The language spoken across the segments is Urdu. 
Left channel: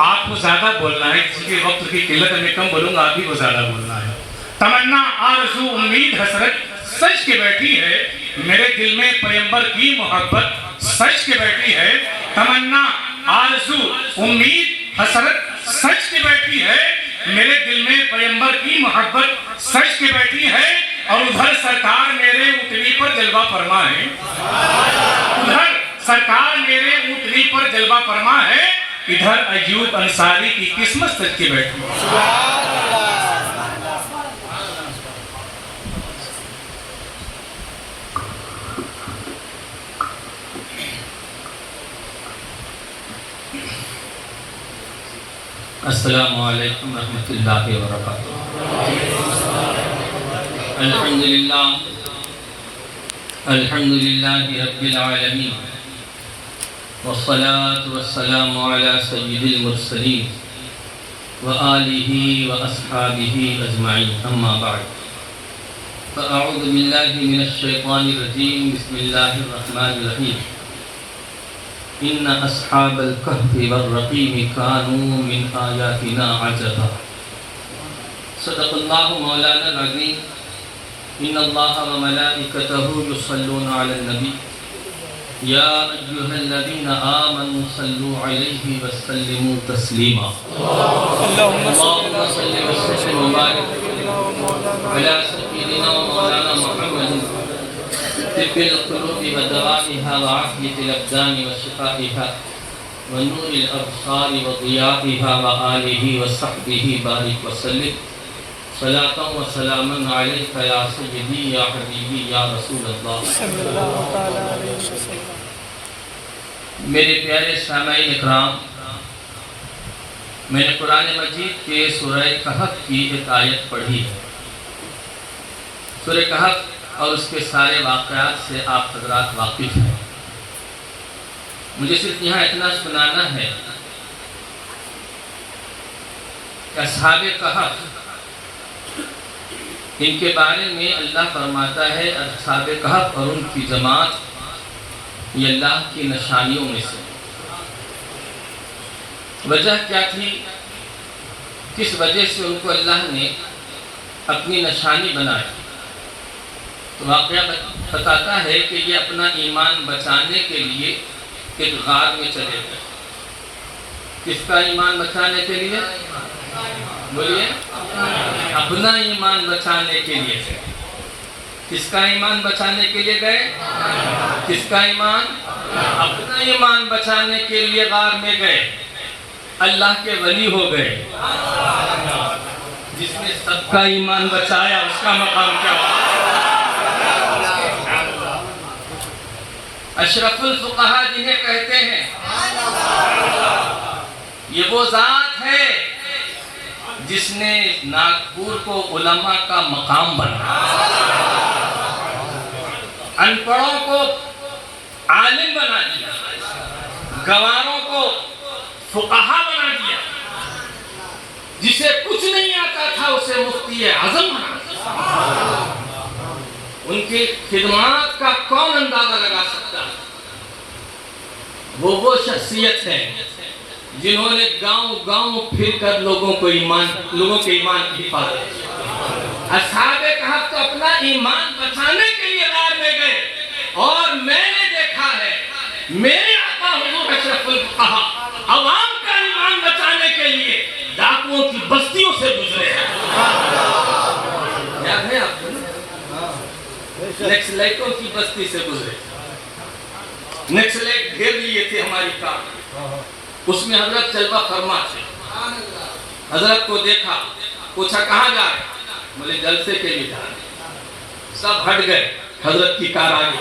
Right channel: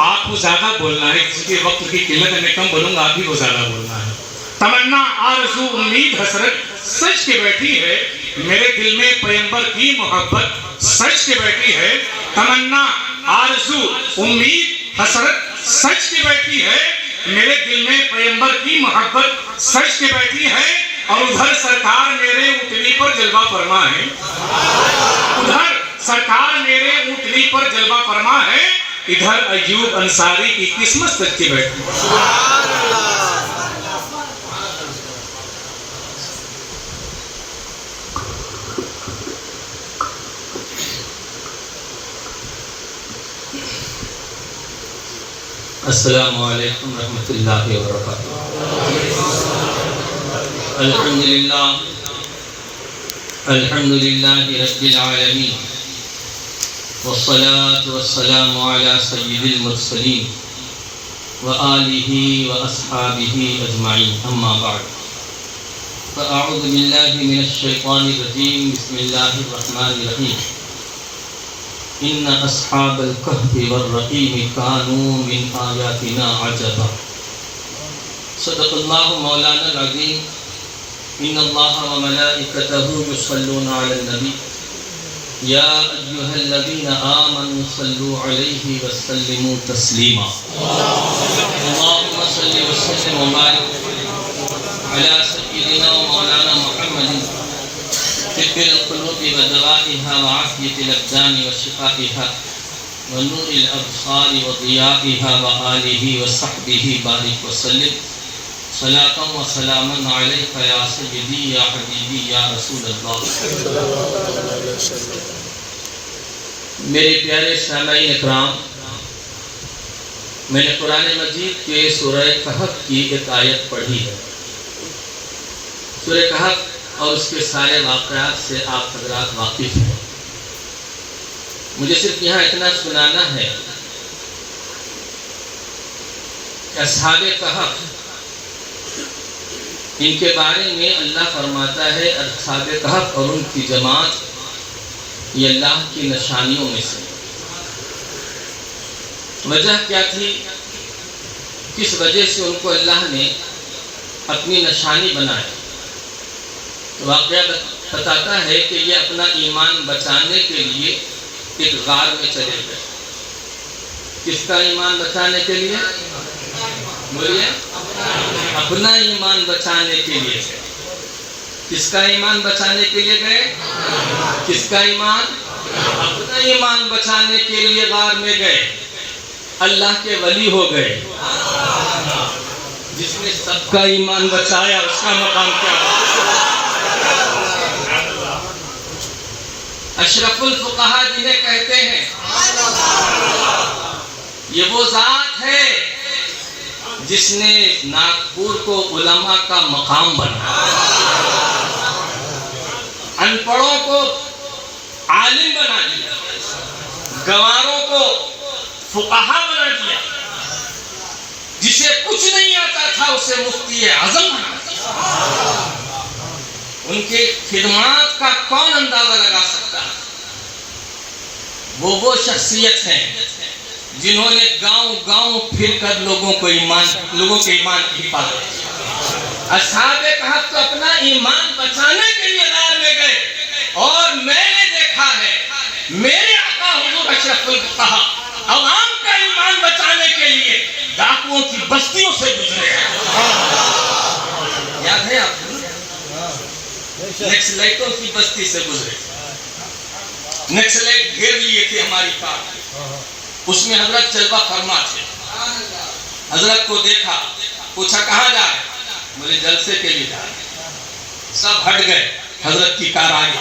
آپ کو زیادہ بولنا ہے، کسی کے وقت کی قلت ہے، میں کم بولوں گا، آپ ہی کو زیادہ بولنا ہے۔ تمنا آرزو امید حسرت سچ کے بیٹھی ہے، میرے دل میں پیغمبر کی محبت سچ کے بیٹھی ہے۔ تمنا آرزو امید حسرت سچ کے بیٹھی ہے، میرے دل میں پیغمبر کی محبت سچ کے بیٹھی ہے۔ اور ادھر سرکار میرے اونٹنی پر جلوہ فرما ہے، ادھر سرکار میرے اونٹنی پر جلوہ فرما ہے، ادھر ایوب انصاری کی قسمت سچ کے بیٹھی ہے۔ سبحان اللہ۔ السلام علیکم ورحمۃ اللہ وبرکاتہ۔ الحمدللہ رب العالمین، والصلاة والسلام علی سید المرسلین وآلہ واصحابہ اجمعین، اما بعد فاعوذ باللہ من الشیطان الرجیم، بسم اللہ الرحمن الرحیم۔ ان اصحاب الکہف والرقیم کانوا من آیاتنا عجبا۔ صدق اللہ مولانا العظیم۔ ان اللہ وملائکتہ یصلون علی النبی یا ایہا الذین آمنوا صلوا علیہ وسلموا تسلیما۔ اللہم صل وسلم وبارک علی سیدنا مولانا محمد طب القلوب ودوائها وعافیة الابدان وشفائها ونور الابصار وضیائها وآلہ وصحبہ بارک وسلم صلاة و سلاما علیک یا سیدی یا حبیبی یا رسول اللہ۔ میرے پیارے سامعین اکرام، میں نے قرآن مجید کے سورہ کہف کی ایک آیت پڑھی ہے۔ سورہ کہف اور اس کے سارے واقعات سے آپ حضرات واقف ہیں۔ مجھے صرف یہاں اتنا سنانا ہے کہ اصحاب کہف، ان کے بارے میں اللہ فرماتا ہے اصحاب کہف اور ان کی جماعت یہ اللہ کی نشانیوں میں سے۔ وجہ کیا تھی؟ کس وجہ سے ان کو اللہ نے اپنی نشانی بنائی؟ واقعہ بتاتا ہے کہ یہ اپنا ایمان بچانے کے لیے ایک غار میں چلے گئے۔ کس کا ایمان بچانے کے لیے؟ بولیے، اپنا ایمان بچانے کے لیے۔ کس کا ایمان بچانے کے لیے گئے؟ کس کا ایمان؟ اپنا ایمان بچانے کے لیے غار میں گئے۔ اللہ کے ولی ہو گئے۔ جس نے سب کا ایمان بچایا اس کا مقام کیا ہوا؟ اشرف الفقہاء جنہیں کہتے ہیں، یہ وہ ذات ہے جس نے ناگپور کو علماء کا مقام بنایا، ان پڑھوں کو عالم بنا دیا، گنواروں کو فقہاء بنا دیا، جسے کچھ نہیں آتا تھا اسے مفتی اعظم بنا دیا۔ ان کی خدمات کا کون اندازہ لگا سکتا ہے؟ وہ شخصیت ہیں جنہوں نے گاؤں گاؤں پھر کر لوگوں کے ایمان کی حفاظت کی۔ اصحاب کہف تو اپنا ایمان بچانے کے لیے غار میں گئے، اور میں نے دیکھا ہے میرے آقا حضور اشرف الفقہاء عوام کا ایمان بچانے کے لیے ڈاکوؤں کی بستیوں سے گزرے ہیں۔ یاد ہے آپ کو؟ نکسلائٹوں کی بستی سے گزرے، نکسلائٹ گھیر لیے تھے ہماری کار، اس میں حضرت جلوہ فرما تھے۔ حضرت کو دیکھا، پوچھا کہاں جا رہے؟ بولے جلسے کے لیے جا رہے۔ سب ہٹ گئے، حضرت کی کار آگے،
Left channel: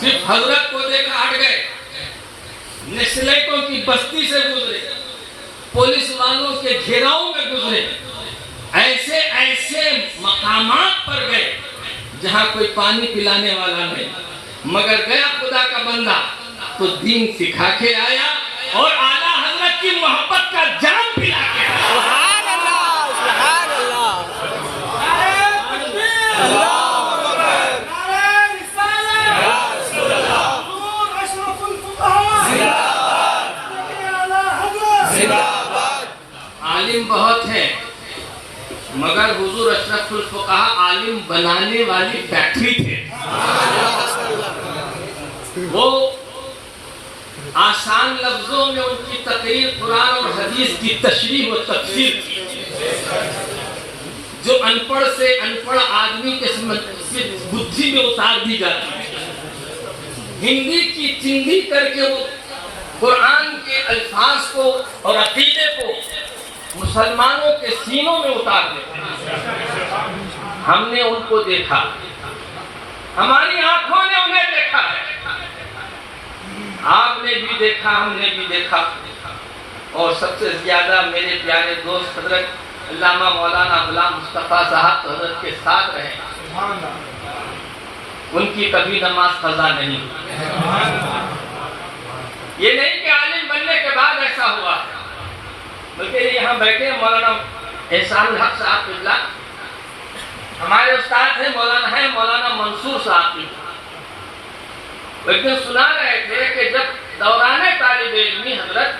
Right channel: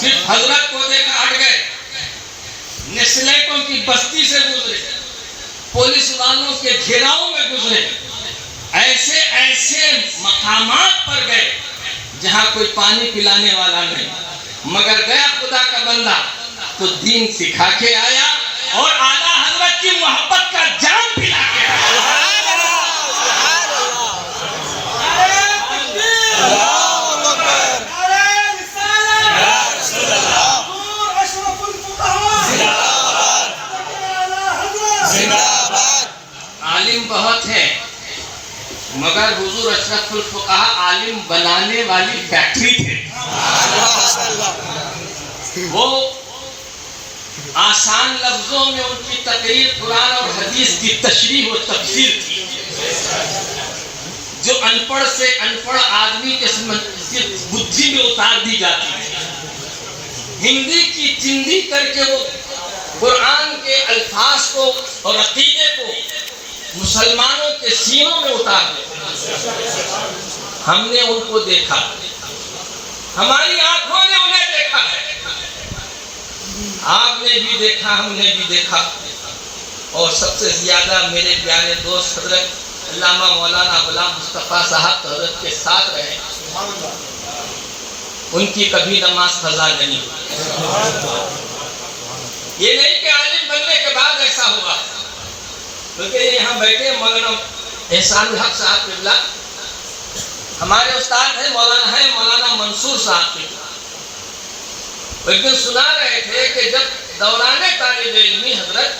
صرف حضرت کو دیکھا ہٹ گئے۔ نکسلائٹوں کی بستی سے گزرے، پولیس والوں کے گھیراؤں میں گزرے، ایسے ایسے مقامات پر گئے جہاں کوئی پانی پلانے والا نہیں، مگر گیا خدا کا بندہ تو دین سکھا کے آیا اور اعلیٰ حضرت کی محبت کا جام پلا کے آیا۔ سبحان اللہ، سبحان اللہ۔ بہت ہیں مگر حضور اشرف الفقہا عالم بنانے والی فیکٹری تھے. وہ آسان لفظوں میں ان کی تقریر قرآن اور حدیث کی تشریح و تفسیر تھی جو ان پڑھ سے ان پڑھ آدمی کے بدھی میں اتار دی جاتی ہے. ہندی کی چندی کر کے وہ قرآن کے الفاظ کو اور عقیدے کو مسلمانوں کے سینوں میں اتار دیتے ہیں. ہم نے ان کو دیکھا, ہماری آنکھوں نے انہیں دیکھا ہے, آپ نے بھی دیکھا, ہم نے بھی دیکھا. اور سب سے زیادہ میرے پیارے دوست حضرت علامہ مولانا غلام مصطفیٰ صاحب حضرت کے ساتھ رہے. ان کی کبھی نماز قضا نہیں ہوئی. یہ نہیں کہ عالم بننے کے بعد ایسا ہوا, بلکہ یہاں بیٹھے مولانا احسان الحق صاحب قبلہ ہمارے استاد ہیں, مولانا منصور صاحب کی. ایک دن سنا رہے تھے کہ جب دوران طالب علمی حضرت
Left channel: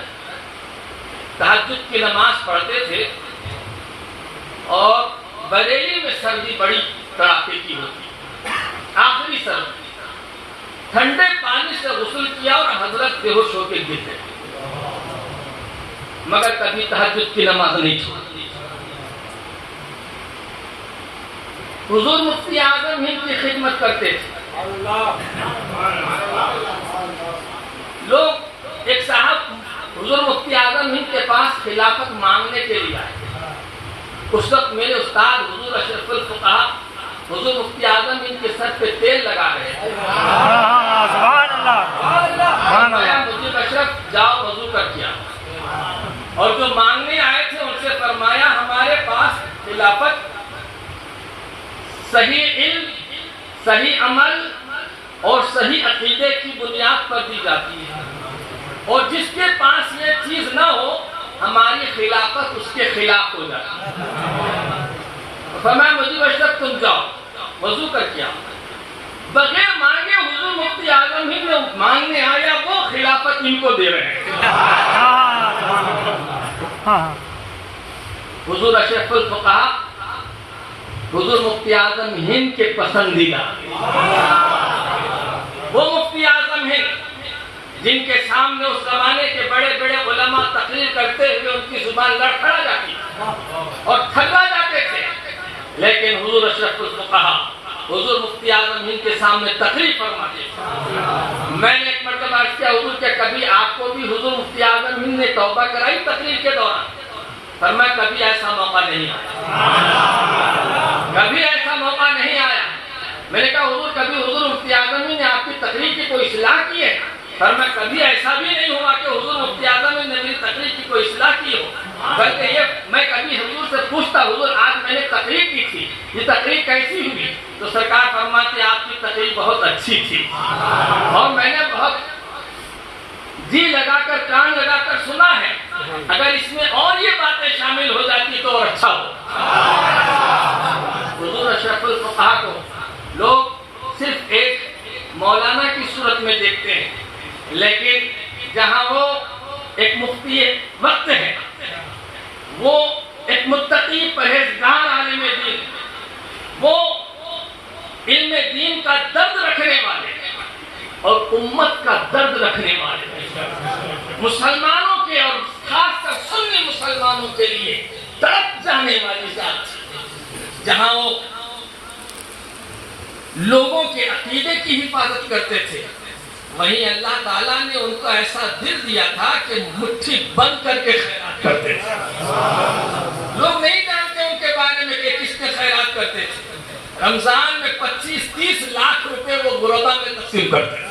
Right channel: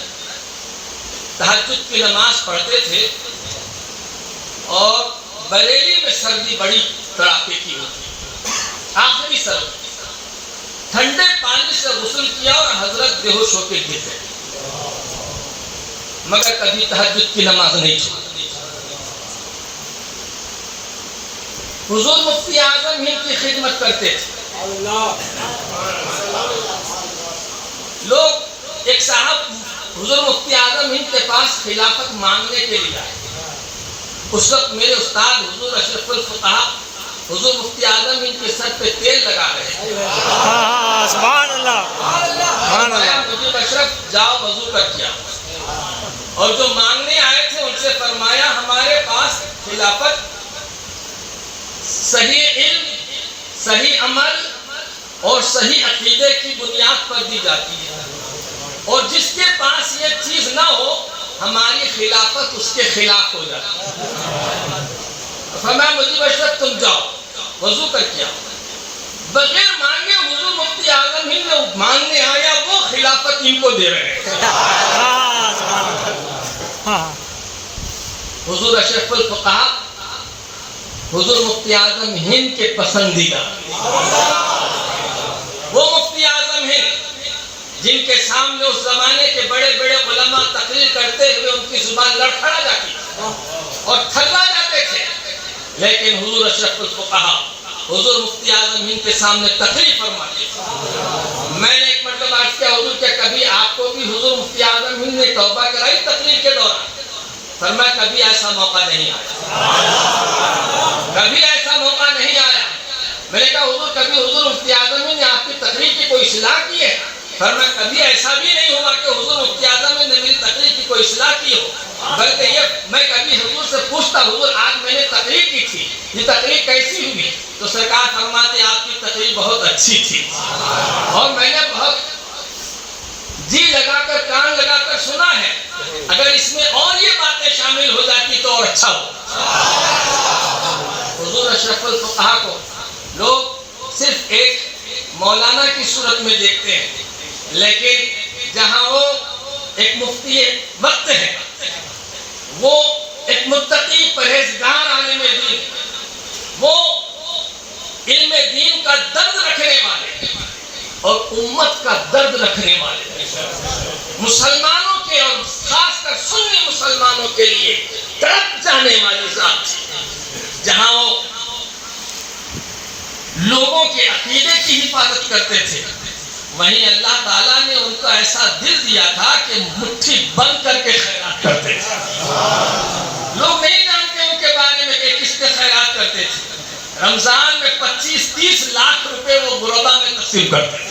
تہجد کی نماز پڑھتے تھے اور بریلی میں سردی بڑی کڑاکے کی ہوتی, آخری سردی, ٹھنڈے پانی سے غسل کیا اور حضرت بے ہوش ہو کے گر گئے, مگر کبھی تہجد کی نماز نہیں چھوڑی. حضور مفتی اعظم ہند کی خدمت کرتے تھے. لوگ ایک صاحب حضور مفتی اعظم ہند کے پاس خلافت مانگنے کے لیے آئے. اس وقت میرے استاد حضور اشرف الفقہا حضور مفتی اعظم ہند کے سر پہ تیل لگا رہے ہیں. سبحان اللہ. حضور اشرف جاؤ وضو کر کیا, اور جو مانگنے آئے تھے ان سے فرمایا ہمارے پاس خلافت صحیح علم, صحیح عمل اور صحیح عقیدے کی بنیاد پر دی جاتی ہے, اور جس کے پاس یہ چیز نہ ہو ہماری خلافت اس کے خلاف ہو جاتی ہے. فرمایا مجھے اشرف تم جاؤ وضو کر کیا. بغیر مانگے حضور مفتی اعظم ہند نے مانگنے آیا, وہ خلافت ان کو دے رہے ہیں. حضور اشرف الفقہا حضور مفتی اعظم ہند کے پسندیدہ, وہ مفتی اعظم ہند جن کے سامنے اس زمانے کے بڑے بڑے علماء تقریر کرتے ہوئے ان کی زبان لڑکھڑا جاتی اور تھرا جاتے تھے, لیکن حضور اشرف الفقہا حضور مفتی اعظم ہند کے سامنے تقریر فرماتے تھے. میں نے ایک مرتبہ عرض کیا حضور کہ کبھی آپ کو بھی حضور مفتی اعظم ہند نے توبہ کرائی تقریر کے دوران؟ فرمایا کبھی ایسا موقع نہیں آیا, کبھی ایسا موقع نہیں آیا. میں نے کہا حضور کبھی حضور مفتی اعظم ہند نے آپ کی تقریر کی کوئی اصلاح کی ہے؟ فرمایا کبھی ایسا بھی نہیں ہوا کہ حضور مفتی اعظم ہند نے میری تقریر کی کوئی اصلاح کی ہو, بلکہ یہ میں کبھی حضور سے پوچھتا حضور آج میں نے تقریر کی تھی, یہ تقریر کیسی ہوئی؟ تو سرکار فرماتے آپ کی تقریر بہت اچھی تھی اور میں نے بہت جی لگا کر کان لگا کر سنا ہے, اگر اس میں اور یہ باتیں شامل ہو جاتی تو اور اچھا ہو. حضور اشرف الفقہا کو لوگ صرف ایک مولانا کی صورت میں دیکھتے ہیں, لیکن جہاں وہ ایک مفتی وقت ہے, وہ ایک متقی پرہیزگار عالم دین, وہ علم دین کا درد رکھنے والے اور امت کا درد رکھنے والے, مسلمانوں کے اور خاص کر سنی مسلمانوں کے لیے تڑپ جانے والی ذات, جہاں وہ لوگوں کے عقیدے کی حفاظت کرتے تھے, وہیں اللہ تعالیٰ نے ان کو ایسا دل دیا تھا کہ مٹھی بند کر کے خیرات کرتے تھے. لوگ نہیں جانتے ان کے بارے میں کہ کس کے خیرات کرتے تھے. رمضان میں 25-30 لاکھ روپے وہ غربا میں تقسیم کرتے تھے.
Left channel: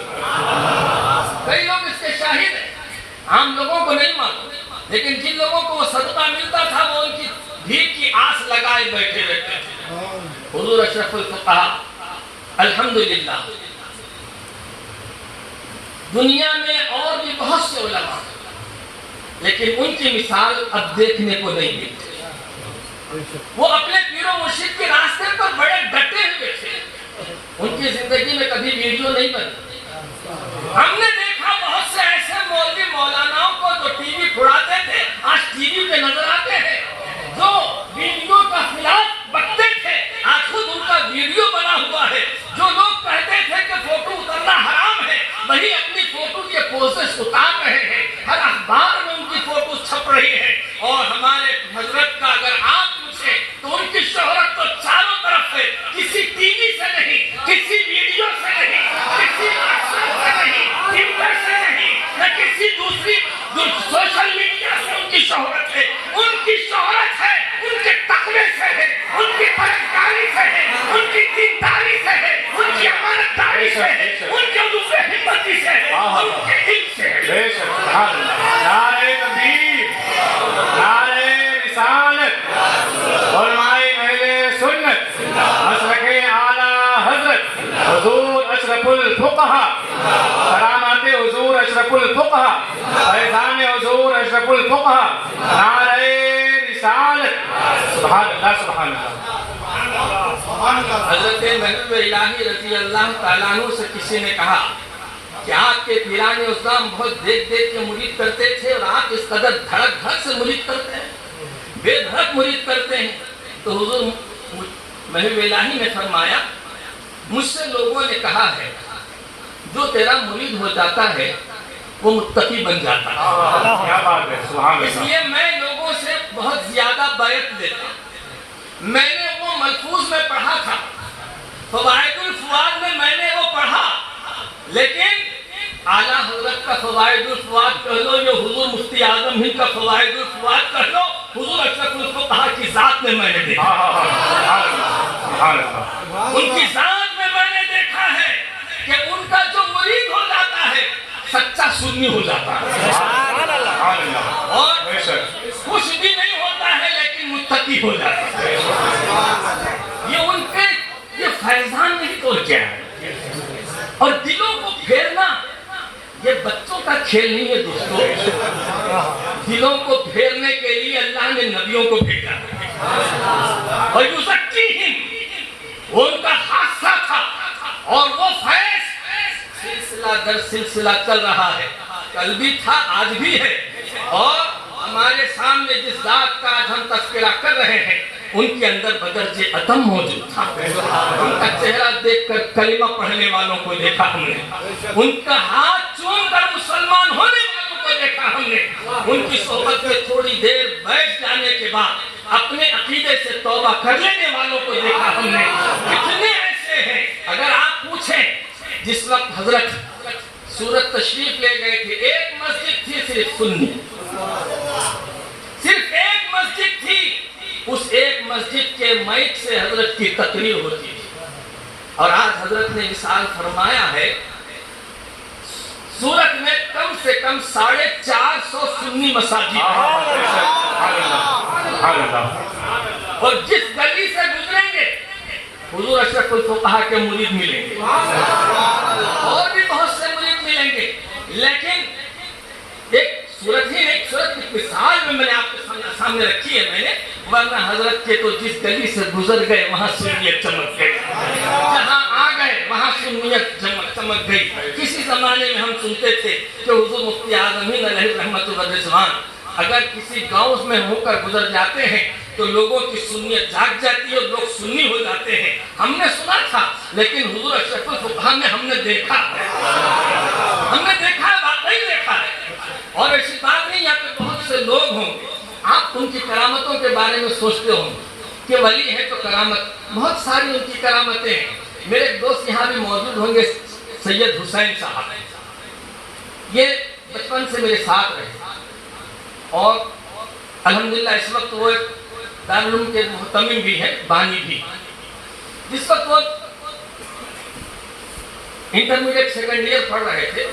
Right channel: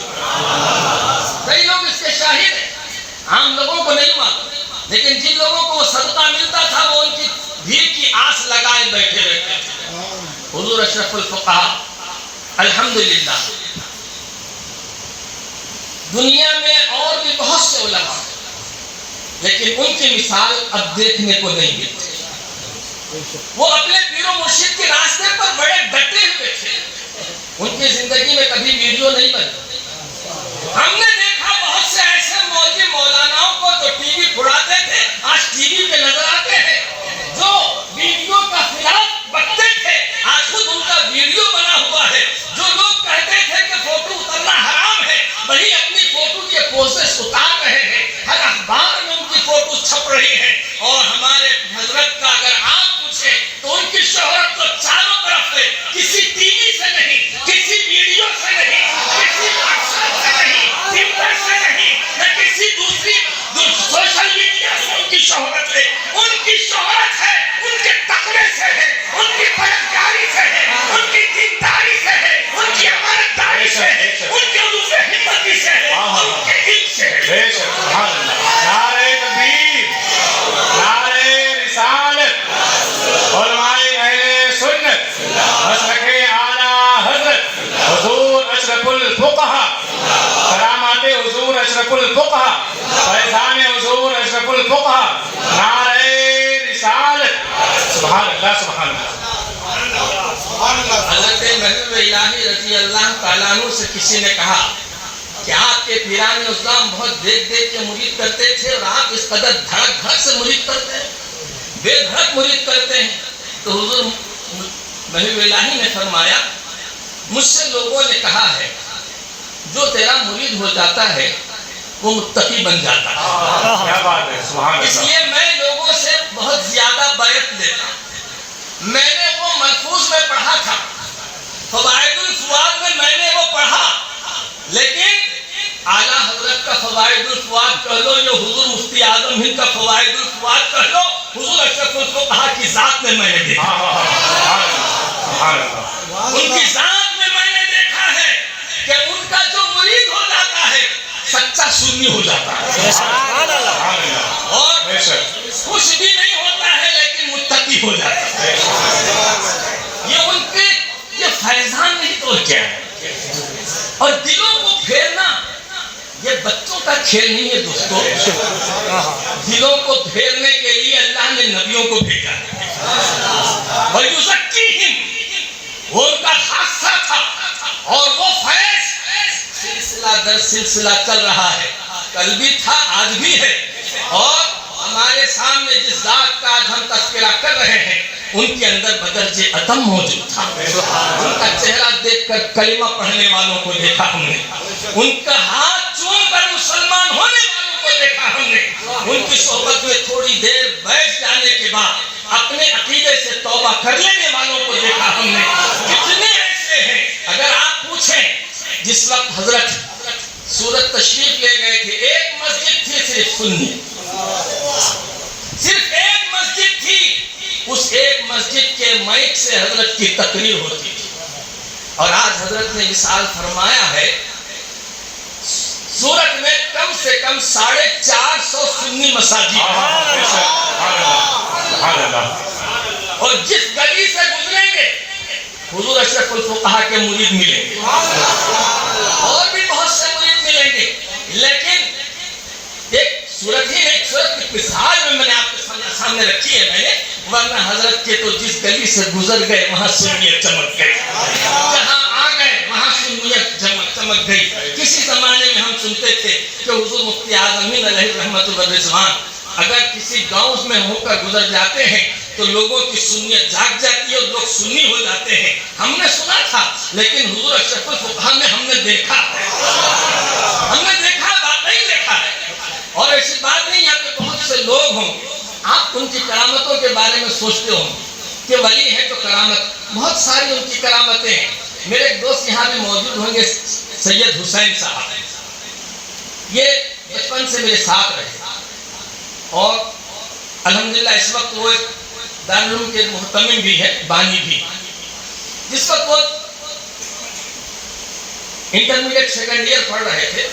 کئی لوگ اس کے شاہد ہیں, عام لوگوں کو نہیں معلوم, لیکن جن لوگوں کو وہ صدقہ ملتا تھا وہ ان کی بھیڑ کی آس لگائے بیٹھے رہتے تھے. حضور اشرف الفقہا الحمدللہ دنیا میں اور بھی بہت سے علماء ہیں, لیکن ان کی مثال اب دیکھنے کو نہیں ملتی. وہ اپنے پیر و مرشد کے راستے پر بڑے ڈٹے ہوئے تھے, ان کی زندگی میں کبھی ویڈیو نہیں بنتی. ہم نے دیکھا بہت سے ایسے مولوی مولاناؤں کو جو ٹی وی پھڑاتے تھے, آج ٹی وی پہ نظر آتے ہیں, فوٹو کے پوسٹرز اتار رہے ہیں، ہر اخبار میں ان کی فوٹوز چھپ رہی ہیں، اور ہمارے حضرت کا اگر آپ پوچھیں تو ان کی شہرت تو چاروں طرف ہے، کسی ٹی وی سے نہیں، کسی ویڈیو سے نہیں، کسی واٹسایپ سے نہیں، ٹویٹر سے نہیں، نہ کسی دوسری سوشل میڈیا سے ان کی شہرت ہے، ان کی شہرت ہے ان کے تقوی سے ہے، ان کی پرہیزگاری سے ہے، ان کی دینداری سے ہے، ان کی امانتداری سے ہے، ان کے حضور حکمتی سے ہے، ان کے دل سے ہے۔ بے شک، سبحان اللہ۔ نعرہ تکبیر، نعرہ رسالت، علماء اہل سنت، مسلک اعلیٰ حضرت حضور اشرف الفقہا، کرامات حضور اشرف الفقہا، فیضان حضور اشرف الفقہا، نعرہ رسالت، سبحان اللہ، سبحان اللہ۔ حضرت محبوب الہی رضی اللہ تعالیٰ عنہ سے کسی نے کہا کہ آپ کے پیران اسلام بہت دیکھ دیکھ کے مرید کرتے تھے، اور آپ اس قدر دھڑک دھڑک سے مرید کرتے ہیں، بے دھڑک مرید کرتے ہیں۔ تو حضور محبوب الہی نے فرمایا، مجھ سے لوگوں نے کہا ہے جو تیرا مرید ہو جاتا ہے وہ متقی بن جاتا ہے، کیا بات ہے، سبحان اس اللہ۔ لیے میں لوگوں سے بہت زیادہ بیعت لیتا ہوں۔ میں نے وہ ملفوظ میں پڑھا تھا، فوائد الفواد میں نے وہ پڑھا، لیکن اعلیٰ حضرت کا فوائد الفواد کہہ لو، یہ حضور مفتی اعظم ہند کا فوائد الفواد کہہ لو، حضور اشرف الفقہا کی ذات میں نے دیکھا، ان کی ذات میں نے دیکھا ہے کہ ان کا جو مرید ہو جاتا ہے سچا سنی ہو جاتا ہے، اور خوش بھی نہیں ہوتا ہے لیکن متقی ہو جاتا ہے۔ یہ ان کے یہ فیضان نہیں تو کیا ہے، اور دلوں کو پھیرنا یہ بچوں کا کھیل نہیں ہے دوستو، دلوں کو پھیرنے کے لیے اللہ نے نبیوں کو بھیجا ہے، وَيُزَكِّيهِمْ، وہ ان کا حادثہ تھا، اور وہ فیض سلسلہ در سلسلہ چل رہا ہے، کل بھی تھا آج بھی ہے، اور ہمارے سامنے جس ذات کا آج ہم تذکرہ کر رہے ہیں ان کے اندر بدرجہ عدم موجود تھا، ان کا چہرہ دیکھ کر کلمہ پڑھنے والوں کو دیکھا ہم نے، ان کا ہاتھ چوم کر مسلمان ہونے والوں کو دیکھا ہم نے، ان کی صحبت میں تھوڑی دیر بیٹھ جانے کے بعد اپنے عقیدے سے توبہ کر لینے والوں کو دیکھا ہم نے، کتنے ایسے ہیں۔ اگر آپ پوچھیں جس وقت حضرت سورت تشریف لے گئے تھے، ایک مسجد تھی صرف سنی، صرف ایک مسجد تھی، اس ایک مسجد کے مائک سے حضرت کی تقریر ہوتی تھی، اور آج حضرت نے مثال فرمایا ہے سورت میں کم سے کم 450 سنی مساجد ہیں، اور جس گلی سے گزریں گے حضور اشرف الفقہا کے مرید ملیں گے، اور بھی بہت سے مرید ملیں گے، لیکن ایک صورت ہی ایک صورت کی مثال میں نے آپ کے سامنے رکھی ہے، میں نے، ورنہ حضرت کے تو جس گلی سے گزر گئے وہاں سنیت چمک گئی، جہاں آ گئے وہاں سنیت چمک گئی۔ کسی زمانے میں ہم سنتے تھے کہ حضور مفتی اعظم ہند علیہ رحمت و رضوان اگر کسی گاؤں میں ہو کر گزر جاتے ہیں تو لوگوں کی سنیت جاگ جاتی ہے اور لوگ سنی ہو جاتے ہیں، ہم نے سنا تھا، لیکن حضور اشرف الفقہا میں ہم نے دیکھا، واقعی دیکھا ہے، اور ایسی بات نہیں یہاں پہ بہت سے لوگ ہوں آپ ان کی کرامتوں کے بارے میں سوچتے ہوں کہ ولی ہے تو کرامت، بہت ساری ان کی کرامتیں ہیں۔ میرے ایک دوست یہاں بھی موجود ہوں گے، سید حسین صاحب، یہ بچپن سے میرے ساتھ رہے، اور الحمدللہ اس وقت وہ دارالعلوم کے محتمم بھی ہے، بانی بھی، جس وقت وہ انٹرمیڈیٹ سیکنڈ ایئر پڑھ رہے تھے،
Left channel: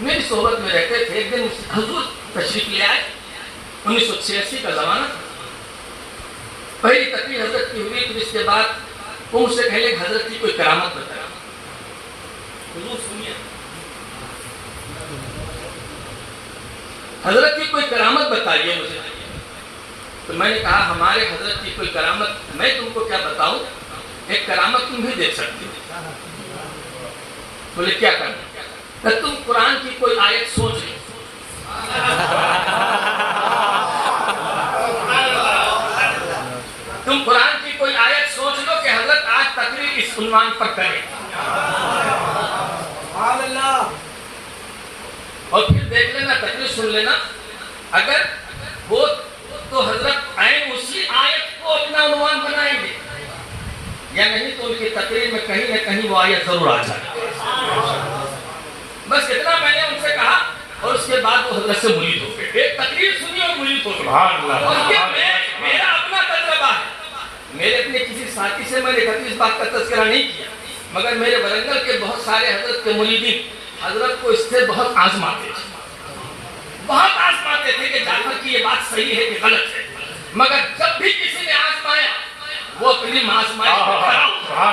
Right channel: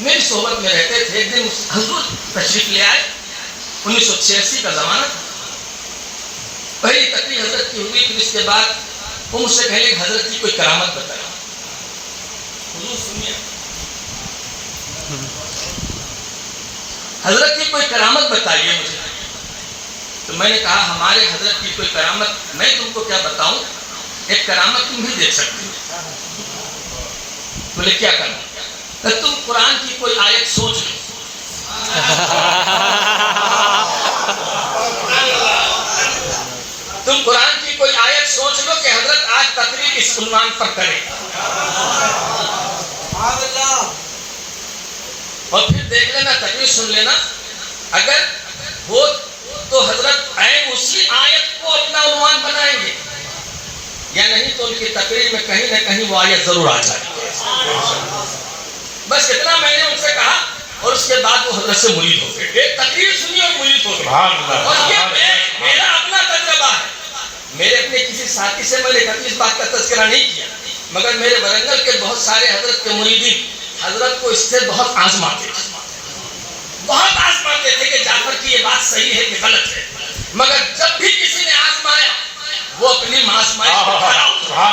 میری صحبت میں رہتے تھے۔ ایک دن حضور تشریف لے آئے، 1986 کا زمانہ تھا، پہلی تقریر حضرت کی ہوئی، پھر اس کے بعد وہ مجھ سے کہنے کہ حضرت کی کوئی کرامت بتایا، حضور سنیے، حضرت کی کوئی کرامت بتائیے مجھے۔ تو میں نے کہا ہمارے حضرت کی کوئی کرامت میں تم کو کیا بتاؤں، ایک کرامت تم بھی دیکھ سکتی ہو۔ بولے کیا کرنا؟ کہ تم قرآن کی کوئی آیت سوچ لو، تم قرآن کی کوئی آیت سوچ لو کہ حضرت آج تقریر اس عنوان پر کریں، اور پھر دیکھ لینا، تقریر سن لینا، اگر ہو تو حضرت عین اسی آیت کو اپنا عنوان بنائیں گے، یا نہیں تو ان کی تقریر میں کہیں نہ کہیں وہ آیت ضرور آ جائے. بس اتنا میں نے ان سے کہا، اور اس کے بعد وہ حضرت سے مرید ہو گئے. ایک تقریر سنی اور مرید ہو گئے. میرا اپنا تجربہ ہے. میرے اپنے کسی ساتھی سے میں نے کبھی اس بات کا تذکرہ نہیں کیا، مگر میرے ورنگل کے بہت سارے حضرت کے مریدین حضرت کو اس سے بہت آزماتے تھے، بہت آزماتے تھے کہ جانور کی یہ بات صحیح ہے کہ غلط ہے. مگر جب بھی کسی نے آزمایا وہ اپنی آزمائش کو کھڑا اترا.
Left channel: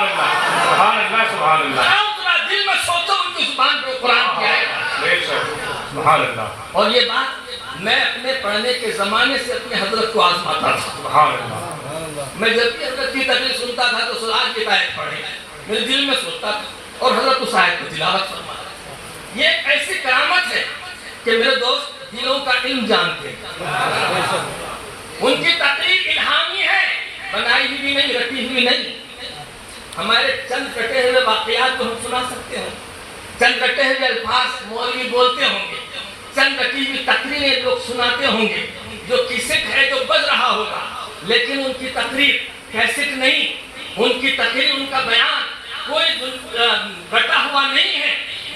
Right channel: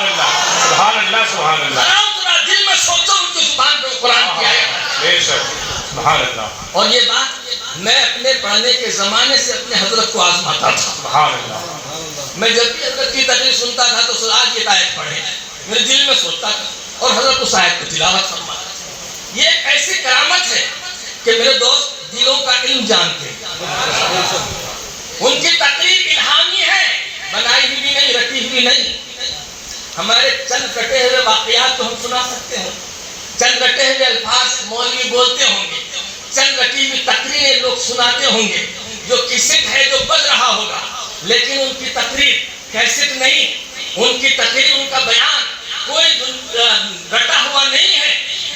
دل میں سوچو ان کی زبان پہ قرآن کی آیت. اور یہ بات میں اپنے پڑھنے کے زمانے سے اپنے حضرت کو آزماتا تھا. میں جب بھی حضرت کی تقریر سنتا تھا تو سورۃ کی آیت پڑھے میرے دل میں سوچتا تھا اور حضرت اس آیت کو تلاوت فرماتا. یہ ایک ایسی کرامت ہے کہ میرے دوست دلوں کا علم جانتے ہیں. ان کی تقریر الہامی ہے، بنائی ہوئی بھی نہیں، رٹی ہوئی نہیں. ہمارے چند کٹے ہوئے واقعات تو ہم سنا سکتے ہیں، چند رٹے ہوئے الفاظ مولوی بولتے ہوں گے، چند رٹی ہوئی تقریریں لوگ سناتے ہوں گے، جو کیسٹ ہے جو بج رہا ہوگا، لیکن ان کی تقریر کیسٹ نہیں. ان کی تقریر، ان کا بیان کوئی رٹا ہوا نہیں ہے،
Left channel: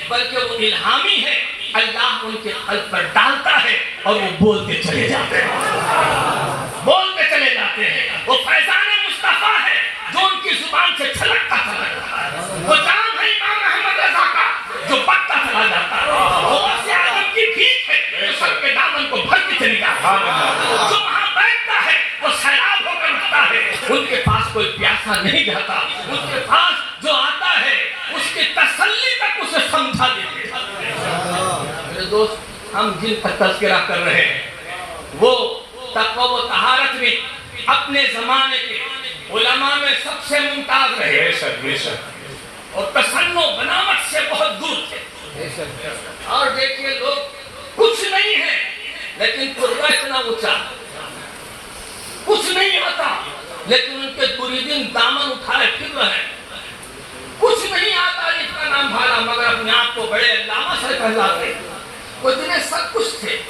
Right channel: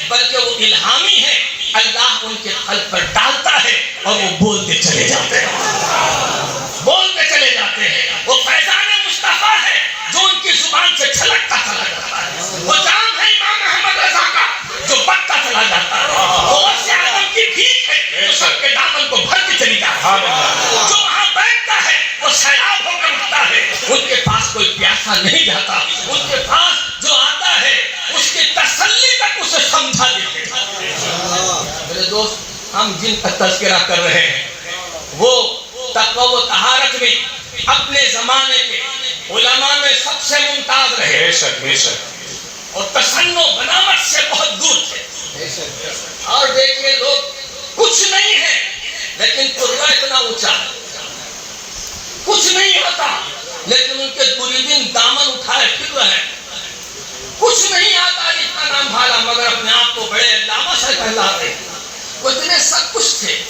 بلکہ وہ الہامی ہے. اللہ ان کے قلب پر ڈالتا ہے اور وہ بولتے چلے جاتے ہیں، بولتے چلے جاتے ہیں. وہ فیضان مصطفیٰ ہے جو ان کی زبان سے چھلکتا چلا جاتا ہے. وہ جام ہے امام احمد رضا کا جو بڑھتا چلا جاتا ہے. وہ غوث اعظم کی بھیک ہے جو سب کے دامن کو بھر کے چلی جاتی ہے. جو وہاں بیٹھتا ہے وہ سیلاب ہو کر اٹھتا ہے. ان کے پاس کوئی پیاسا نہیں جاتا. ان کے پاس جو آتا ہے اس کی تسلی تک اسے سمجھا دیتے. میرے دوست، ہم جن کا تذکرہ کر رہے ہیں وہ تقوی و طہارت میں اپنے زمانے کے علماء میں سب سے ممتاز رہے اور تصنع و بناوٹ سے بہت دور تھے. اور دیکھیے لوگ کچھ نہیں ہے لیکن قربہ اتنا اونچا، کچھ نہیں آتا لیکن ان کے مریدین دامن اٹھائے پھر رہے ہیں. کچھ نہیں آتا اس کا نام بھالا مگر اپنے آپ کو بڑے علامہ سے کہلاتے. وہ اتنے سب کچھ تھے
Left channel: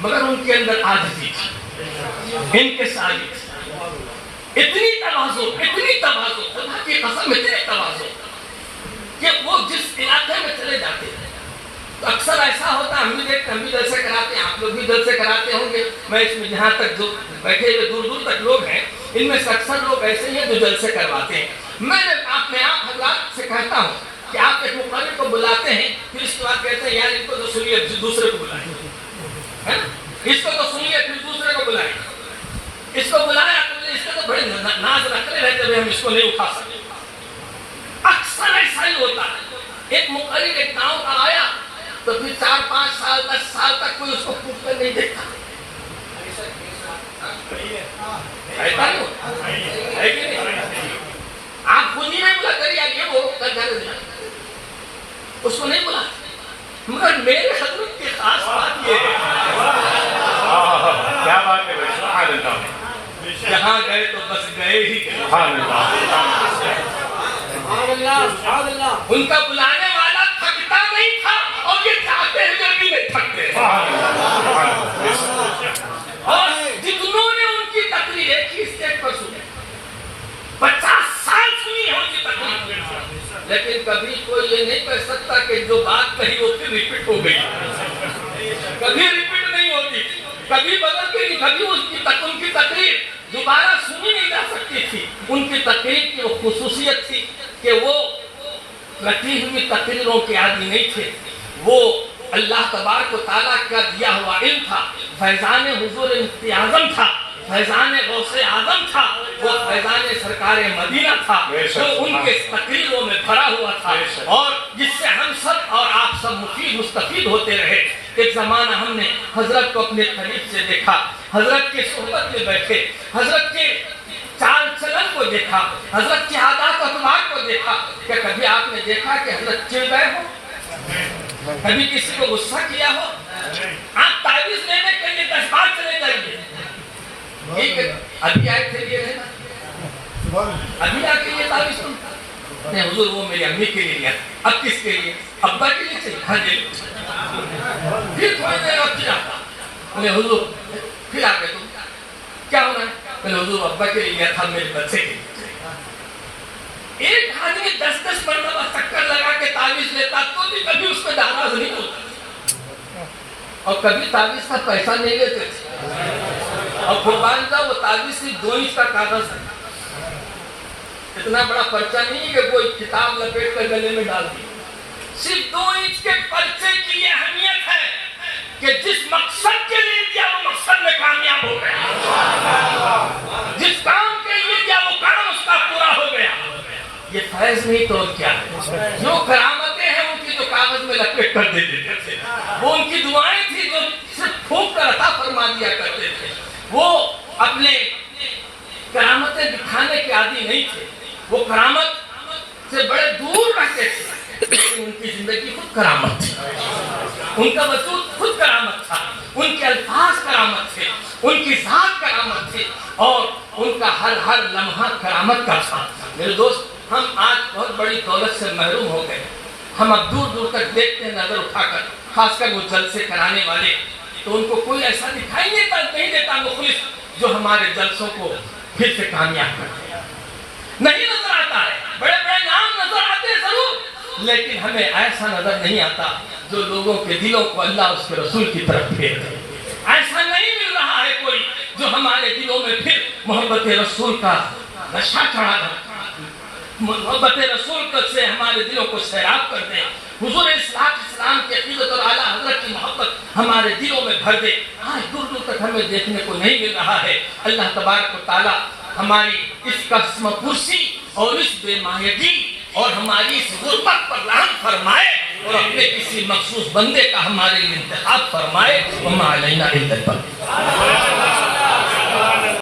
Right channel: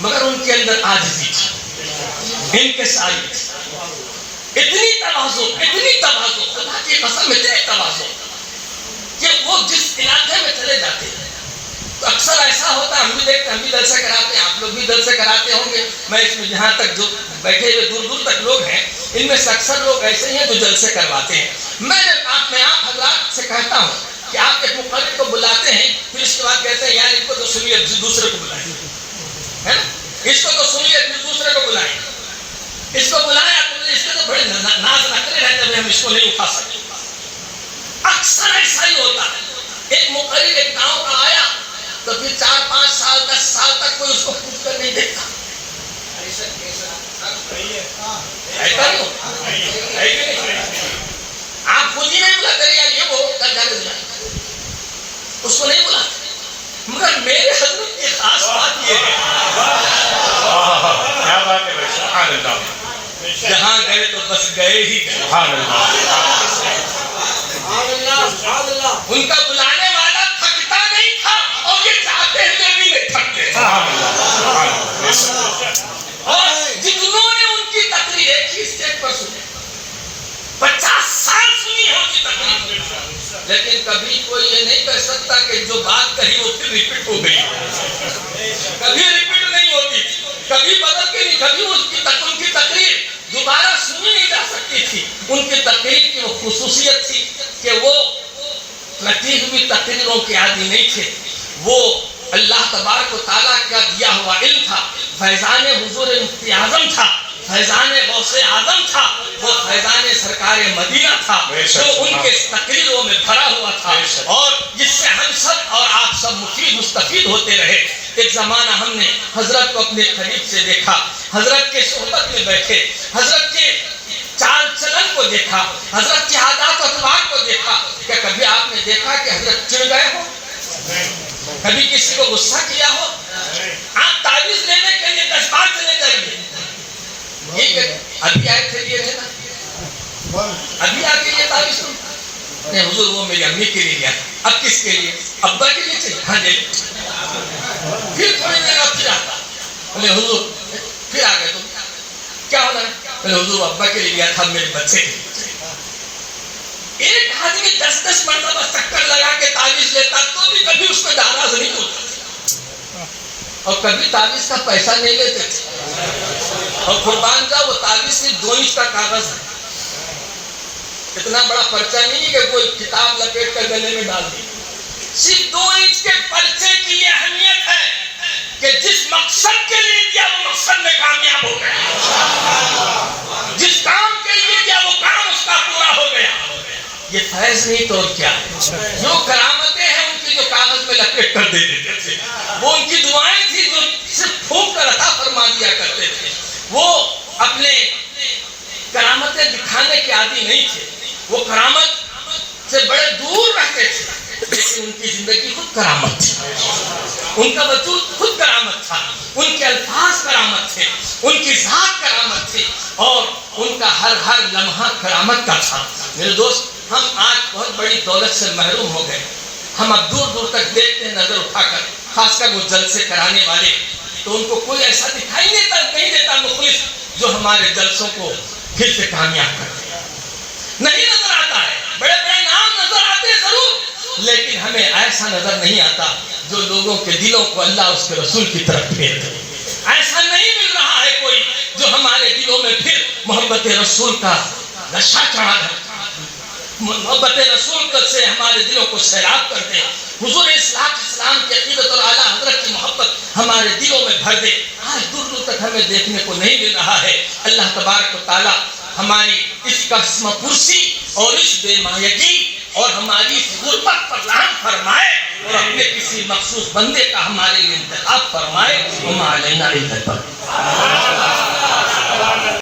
مگر ان کے اندر عاجزی تھی، انکساری تھی، اتنی تواضع، خدا کی قسم اتنے تواضع کہ وہ جس علاقے میں چلے جاتے تو اکثر ایسا ہوتا ہے، ہم بھی دیکھتے ہیں، ہم بھی جلسے کراتے ہیں، آپ لوگ بھی جلسے کراتے ہوں گے. میں اس میں جہاں تک جو بیٹھے ہوئے دور دور تک لوگ ہیں ان میں سے اکثر لوگ ایسے ہیں جو جلسے کرواتے ہیں. میں آپ حضرات سے کہتا ہوں کہ آپ ایک مقرر کو بلاتے ہیں پھر اس کے بعد کہتے ہیں یار ان کو تو سنیے دوسرے کو بلائیں، اس کو تو سنیے پھر دوسرے کو بلائیں. اس کو بلایا تو اس کے تو بڑے ناز نخرے رہتے ہیں، ہم اس کو نہیں اٹھا سکتے. اکثر ایسا ہی ہوتا ہے. ایک مقرر ایک گاؤں کا آیا تو پھر 4-5 سال 10 سال تک کوئی اس کو پوچھ کر نہیں دیکھا. آپ خود ہی نہیں بلا کر یار یہ وہ اس کو نہیں بلا. مگر میرے حضرت کی خاص بات یہ ہے جہاں گئے تو بس گئے ہی گئے. ان کا بلانے والا تھکتا نہیں تھا اور یہ چاہتے ہوئے بھی نہیں تھکتے. جتنوں نے ان کی تقریر ایک ہی اسٹیج پر سنی، 50 سال سنی ہو کی تقریر، لیکن کبھی کوئی یہ نہیں کہہ سکتا کہ جو بات کہی وہ پھر ریپیٹ ہو گئی. کبھی ریپیٹ نہیں ہوتی، کبھی بدل گئی، کبھی ان کی تقریر دوبارہ سنی نہیں جا سکتی تھی. ان کی تقریر کی وہ خصوصیت تھی کہ وہ رٹی ہوئی تقریروں کے عادی نہیں تھے. وہ اللہ تبارک و تعالیٰ کا دیا ہوا علم تھا، فیضان حضور مفتی اعظم تھا، فیضان غوث اعظم تھا، وہ فیضان سرکار مدینہ تھا جو ان کے تقریروں میں بھرا ہوا تھا اور جس سے ہم سب اور آپ سب مستفید ہوتے رہے. ایک زمانہ ہم نے حضرت کو اپنے قریب سے دیکھا، حضرت کے صحبت میں بیٹھے، حضرت کے چال چلن کو دیکھا، حضرت کی عادات و اطوار کو دیکھا. کیا کبھی آپ نے دیکھا کہ حضرت چڑ گئے ہو؟ کبھی کسی کو غصہ کیا ہو؟ آپ تعویذ لینے کے لیے 10 بار چلے جائیے، ٹھیک ہے ابھی آئے تھے یہ رہنا، ابھی آ کے یہ تعویذ نہیں حضور وہ میری امی کے لیے لیا، اب کس کے لیے؟ ابا کے لیے چاہیے. ہاں جی پھر تھوڑی دیر اور پھر آتا، بولے حضور پھر آ گئے تم، کیا ہو رہا ہے؟ بولے حضور ابا کے لیے گیا تھا، میرے بچے کے لیے۔ ایک آدمی 10 مرتبہ چکر لگا کے تعویذ لیتا تو بھی کبھی اس میں ناراض نہیں ہوتا، اور کبھی تعویذ کا پیسہ نہیں لیتے تھے۔ اور قربان جاؤ وہ تعویذ صرف 2 انچ کا کاغذ ہے، اتنا بڑا پرچہ نہیں ہے کہ کوئی کتاب لپیٹ کر گلے میں ڈال دی، صرف 2 انچ کے پرچے کی یہ اہمیت ہے کہ جس مقصد کے لیے دیا وہ مقصد میں کامیاب ہو گیا، جس کام کے لیے دیا وہ کام اس کا پورا ہو گیا۔ یہ فیض نہیں تو کیا ہے؟ جو کرامتیں ہیں ان کی جو کاغذ میں لپیٹ کر دے دیتے تھے، وہ ان کی دعائیں تھی جو صرف پھونک کر عطا فرما دیا کرتے تھے۔ وہ اپنے کرامتیں دکھانے کے عادی نہیں تھے، وہ کرامت سے بڑے دور رہتے تھے، لیکن ان کی زندگی خود کرامت تھی، ان کا وجود خود کرامت تھا، ان کے الفاظ کرامت تھے، ان کی ذات کرامت تھی، اور ان کا ہر لمحہ کرامت کا تھا۔ میرے دوست، ہم آج بہت بڑی دولت سے محروم ہو گئے، ہم اب دور دور تک دیکھتے ہیں نظر اٹھا کر، خاص کر وہ جلسے کرانے والے، تو ان کو کوئی ایسا دکھائی نہیں دیتا مخلص جو ہمارے جلسوں کو پھر سے کامیاب کرتے ہیں، نہیں نظر آتا ہے۔ بڑے بڑے نام نظر آتے ہیں ضرور، لیکن ہمیں ایسا نظر نہیں آتا جو لوگوں کے دلوں کو اللہ اس کے رسول کی طرف پھیر دے۔ ایسا نہیں مل رہا ہے کوئی جو ہمارے دلوں میں پھر محبت رسول کا نشہ چڑھا دے، محبت رسول سے ہمارے دلوں کو سیراب کر دے، حضور اسلام کے عقیدت اور اعلیٰ حضرت کی محبت ہمارے دلوں میں بھر دے۔ آج دور دور تک ہمیں دیکھنے کو نہیں مل رہا ہے۔ اللہ تبارک و تعالیٰ ہماری اس قسم پرسی اور اس بے مایگی اور ہماری اس غربت پر رحم فرمائے، اور اپنے کسی مخصوص بندے کا ہمارے لیے انتخاب فرمائے۔ وما علینا الا البلاغ۔